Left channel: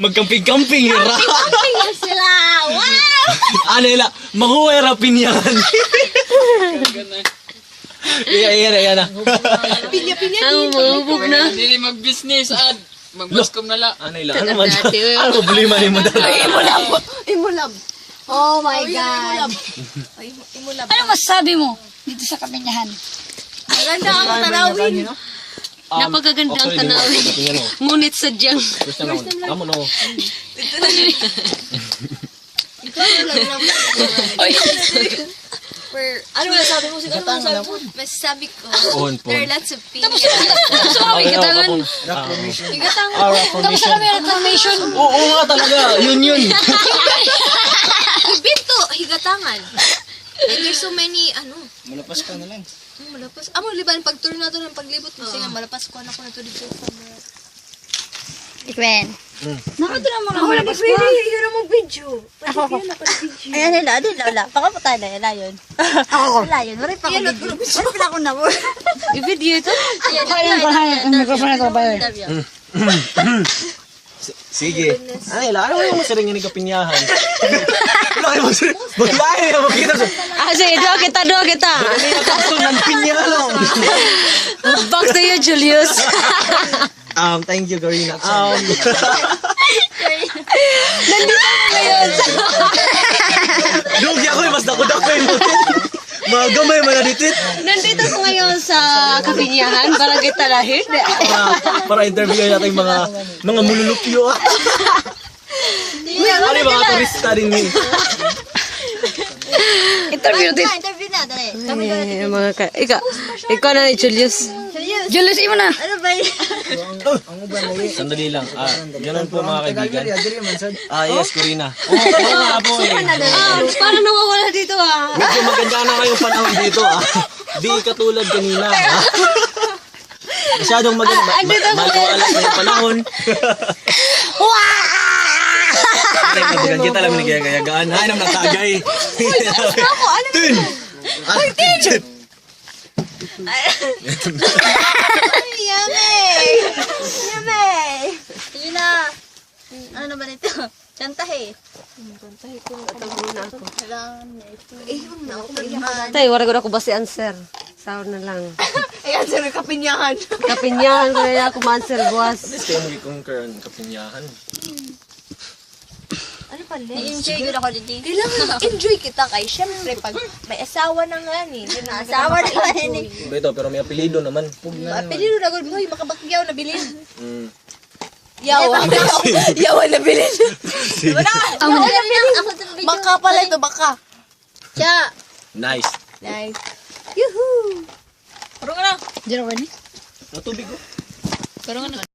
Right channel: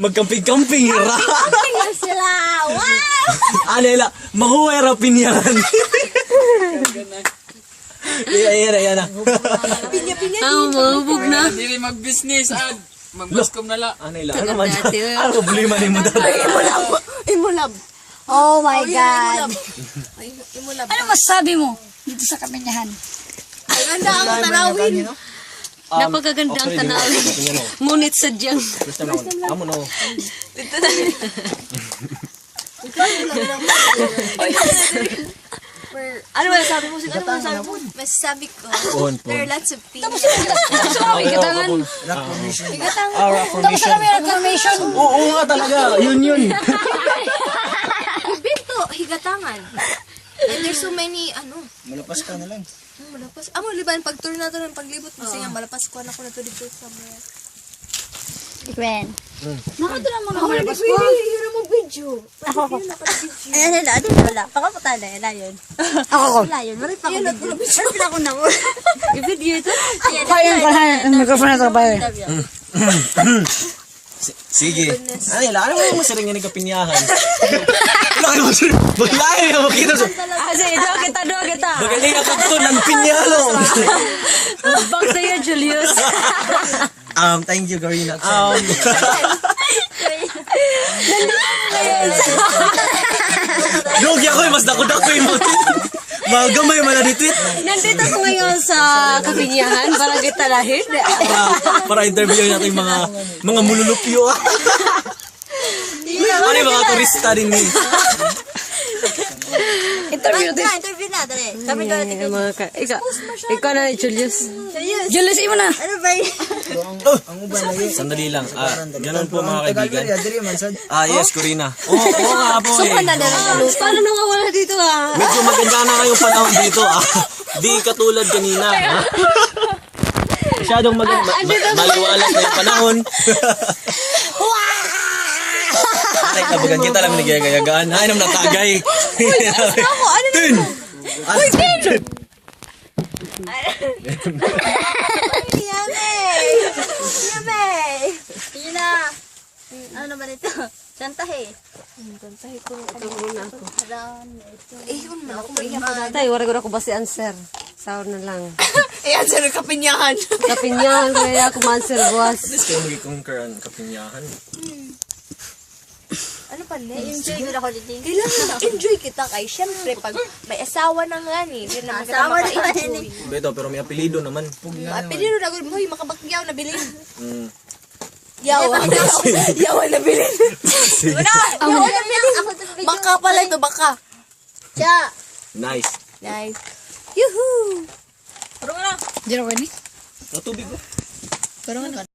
Magkamping-kamping, hira. Camping na sila. Wow! Ano ila, mahuwera pinyan. Iya na. Pinya-pinya Ang mahubog na. Dili mag-business ad. Mag-buskom na la. Ano ila, ano man. Ano problema ni mo dala? Imulab. Oh my God. Imulab. Ano masasabi mo dito sa Kaminyahan? Ang ganda ang tanawin. Napakaganda ang tanawin. Ngunit sadyang. Gusto na. Amo no. Ano ba sabi mo? Ano ba sabi mo? Masasabi ko, there are lots of people. Sorry, katangan. Tapos alam mo yung information. Oo nga talaga. Yun. Ibinto, higatangan. And there's so many, Malapas ka na lang. malapas. Amo, liban, pag-tour na to ng paglibot mo, siya malapas ko na ko na to dito sa mga. Ikwen. Nakita naman ang malapas ko. Yun ang mag-video. Ayan nila, di na wala. Pakapunta na, yun yun. Ako. Wala yun, wala pa ako. Wala pa ako na mo. I-video ito. Kaya ko na, ang microphone na ito ba yun? Sige. Ano ila, ano mo siring ni kapinyahan? Maglahi mo kita. Sige, do kita. Kanina ka to ng pinyahan. Back to you, Julius. Thank you, Garina. Lugi ako, mas dako-dako mo. Magamay man na ditwit. Nandito ko ngayon sa Kaminyahan para kita lahir. Para interview natin mga mululupyo. Ano yung mga turista din ni? Interview din. Interview na, dali. Kami doon. Ikaw na ni Julius. Julius, imo na. Ano ba yun? Sandali lang. Ganun po mga kaibigan. Yes, Corina. Oo nga po eh. Parang nawawala dito ah. Medyo maganda na ngayon panahon dito Di katulad kanina Masyadong maliwalas na yung panahon. Ay, kabagan kita lang nagagayagaan. Ay, nang natagay. Tin! Yummy! Yun na. Ano naman ito? Chantahe. Tay, wala ko na ko ba si answer. Sour na lang. Ayan, sir, kapinyahan. Kapinyahan ko na ako ma-answer, boss. Gusto mo i-conquer ang kapinyahan. Ano pa enjoy ko na ako dito. Kailangan enjoy kita kay syempre pag may asawa na nga ni. Asawa na yun. Beto, pero may apelido naman. Apelido na gud boy makabakyaw na bilin. Yawa. Yawa na bilin. Ako to Baka pala ito, baka. Cha. Nice. Nice. Yuhu. Di na ko ni. Natubig ko.